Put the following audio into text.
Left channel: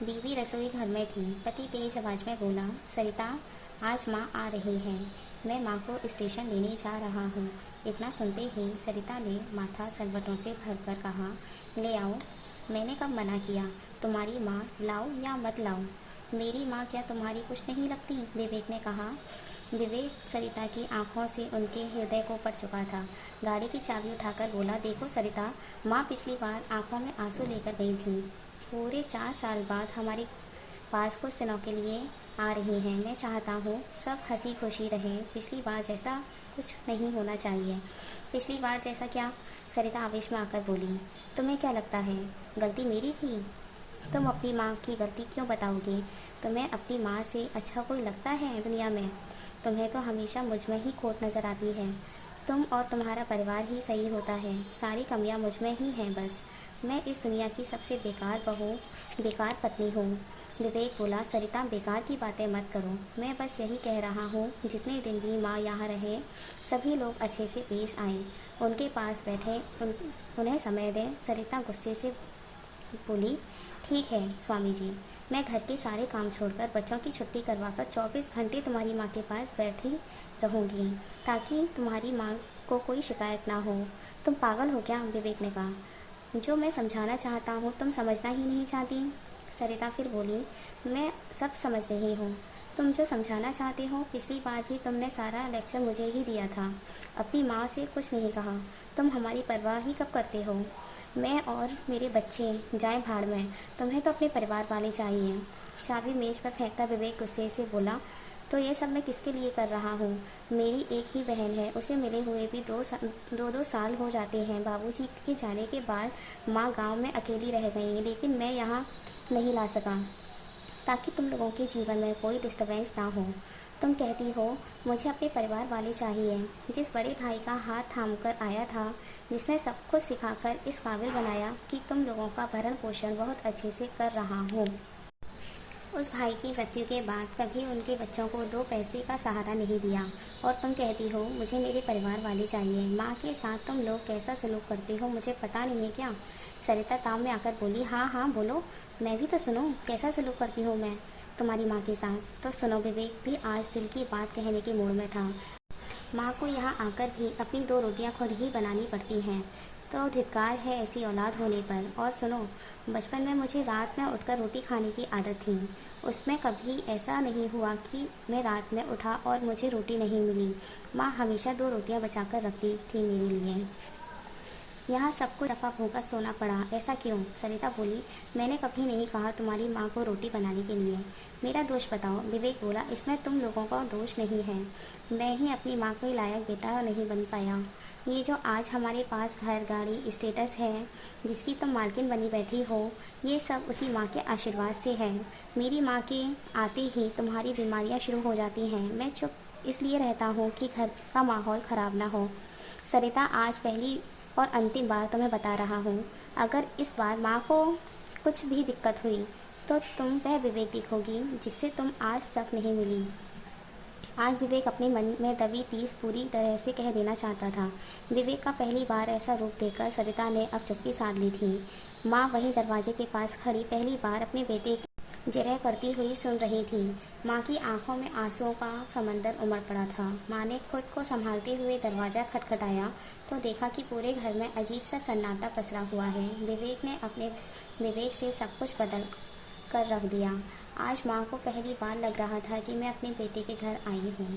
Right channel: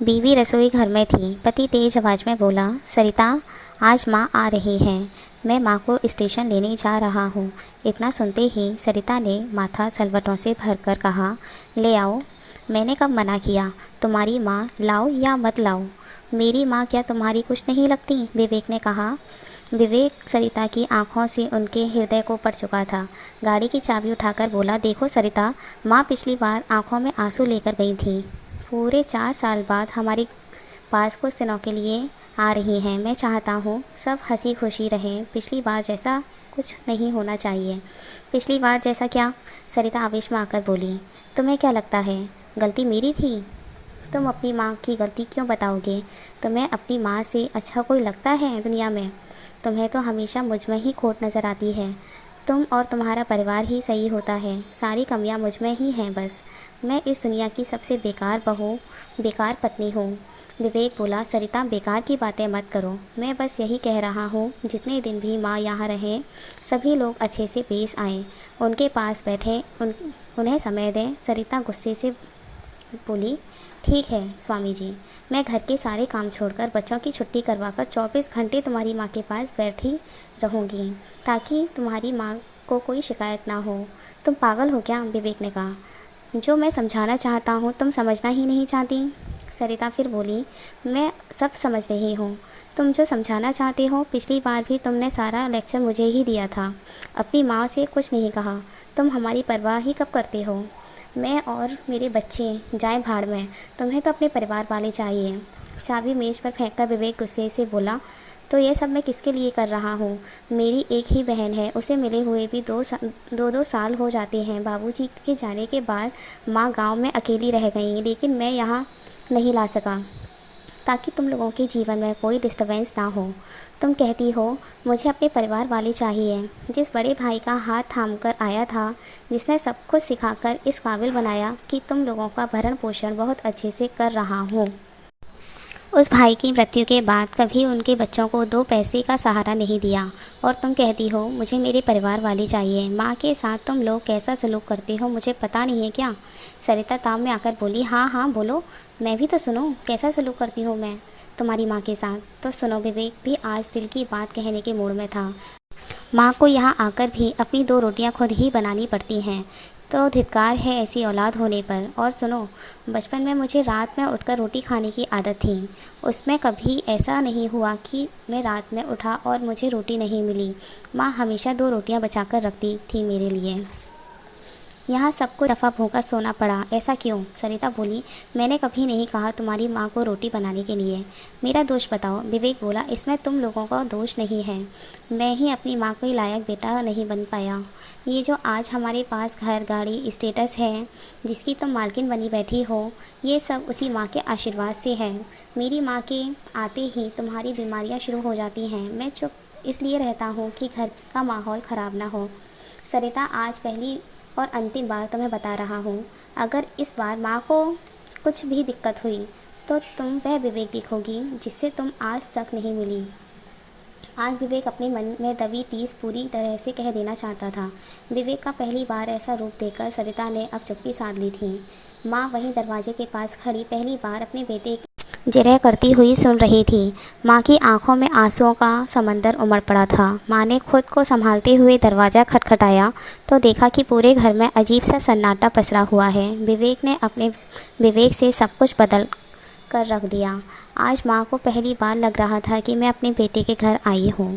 बीवी रसोई घर में थी। पति तेज आवाज़ में बोला, सरिता, आज माँ आ रही हैं। मैं माँ को स्टेशन लेने जा रहा हूँ। इतना सुनते ही सरिता ने माथा सलवटों से भरकर कहा, ले आओ। मैंने कब मना किया? तुम्हारी माँ लाओ या मत लाओ। मेरी माँ क्या तुम्हारी कुछ नहीं लगती? विवेक ने कहा। विवेक सरिता की आंखों से उनके हृदय को पड़ चुका था। गाड़ी की चाबी उठाकर बोला, देखो सरिता, माँ पिछली बार आंखों में आंसू लेकर गई थी। पूरे 4 साल बाद हमारे पास कुछ दिनों के लिए आ रही हैं। मैं चाहता हूँ सब हंसी खुशी रहें। पिछली बार जैसा कुछ नहीं होना चाहिए। पिछली बार जैसा क्या? सरिता आवेश में आकर बोली, तुम्हें क्या लगता है गलती मेरी थी? तुम अपनी माँ की गलती क्यों बताओगे? तुम्हें अपनी माँ से अच्छा कोई लगता है दुनिया में? तुम्हें तो हमेशा मुझ में ही खोट नज़र आती है। तुम और तुम्हारा परिवार ही सही होता है। सारी कमियाँ मुझ में ही हैं बस। मैं इस दुनिया की सबसे बेकार बहू, बेकार पत्नी हूँ। विवेक बोला, सरिता, बेकार की बातें मत करो। मैं बस यही कह रहा हूँ, जितने दिन भी माँ यहाँ रहें, सभी लोग अच्छे से पेश आएँ। उनके पास बैठें, उन्हें समय दें। सरिता गुस्से से बोली, ठीक है स्वामी जी, मैं घर के सारे काम छोड़कर बच्चों की छुट्टी करवाकर 24 घंटे तुम्हारी माँ के पास बैठी रहूँगी, ताकि तुम्हारी माँ को कोई शिकायत ना हो। तुम पागल हो क्या? विवेक ने कहा। जो मैं समझाना चाहता हूँ तुम समझना ही नहीं चाहती। सरिता फिर बोली, मैं सब समझ रही हूँ। तुम जो समझाना चाहते हो, पिछली बार भी तुमने सारा लेक्चर मुझे ही दिया था। अपनी माँ से कुछ नहीं कहा। तुम हमारी परवाह ही कब करते हो? मैं और मेरे बच्चे जाएं भाड़ में। तुम्हें तो अपने परिवार वाले चाहिए। चाबी मेज़ पर फेंककर विवेक गुस्से से बोला, तो ये सब मैं किसके लिए कर रहा हूँ? मेरी एक ही बहन है, उसे मिले हुए भी दो साल हो जाते हैं। बाबूजी के जाने के बाद माँ गांव में अकेली रह गई, लेकिन मैं यहाँ नहीं ला सका, ताकि तुम लोगों के जीवन में कोई डिस्टर्बेंस ना हो। तुम कहती हो मुझे अपने परिवार वाले चाहिए। जिस बड़े भाई का हाथ थाम कर आया था, जिसने सब कुछ सिखाकर इस काबिल बनाया कि तुम लोगों का भरण पोषण बहुत अच्छे से कर रहा हूँ, उस भाई की मृत्यु के बाद कभी उनके बच्चों को 2 पैसे का सहारा नहीं दिया। और तुम कहती हो मुझे मेरे परिवार वाले चाहिए। माँ के साथ तुम लोग कैसा सलूक करते हो मुझे पता नहीं है क्या? सरिता ताव में आकर बोली, हाँ हाँ बोलो, मैं भी तो सुनो, कैसा सलूक करती हूँ मैं तुम्हारी माँ के साथ? तो सुनो। विवेक भी आज दिल की बात कहने के मूड में था। माँ को यहाँ आकर भी अपनी 2 रोटियाँ खुद ही बनानी पड़ती हैं, तो धिक्कार है ऐसी औलाद होने पर। और सुनो, बचपन में मुझे रात में उठकर रोटी खाने की आदत थी। उसमें कभी ऐसा नहीं हुआ कि मैं रात में उठा और मुझे रोटी नहीं मिली। माँ हमेशा 2 रोटियाँ बचाकर रखती थी मेरे लिए। यहाँ सबको दफ़ा भूखा सोना पड़ा, ऐसा क्यों? सरिता बोली, मैंने कभी नहीं कहा तुम्हारी माँ को रोटी बनाने के लिए। मेरा दोष बताओ। विवेक बोला, इसमें तुम लोगों का दोष नहीं है। मैं ही अपनी माँ के लायक बेटा नहीं बन पाया। ये जो आज हमारे पास घर, गाड़ी, स्टेटस है, जिसकी तुम मालकिन बनी बैठी हो, ये सब उसी माँ के आशीर्वाद से है। मेरी माँ के आते ही तुम्हारी बीमारियाँ शुरू हो जाती हैं। मैं चुप इसलिए रहता हूँ कि घर का माहौल ख़राब ना हो। सरिता, आज पहली और अंतिम बार तुम्हें बता रहा हूँ, अगर इस बार माँ को कुछ भी दिक्कत हुई तो तुम वह विवेक दिखोगी जिससे तुम आज तक नहीं मिली। आज विवेक अपने मन में दबी टीस पूरी तरह से कह देना चाहता था। विवेक का पहली बार ऐसा रूप देखकर सरिता ने अब चुप्पी साध ली थी। माँ वहीं दरवाजे के पास खड़ी पहली बार अपने बेटे जिरह करती हुई सुन रही थी। माँ की आंखों में आंसुओं का समंदर उमड़ पड़ा था। माँ ने खुद को संभालते हुए दरवाज़ा खटखटाया तो देखा कि पूरे घर में अजीब सा सन्नाटा पसरा हुआ है। विवेक ने अपने विवेक से सब कुछ बदल कर रख दिया। आज माँ को पहली बार लग रहा था कि मैं अपने बेटे के घर आई हूँ।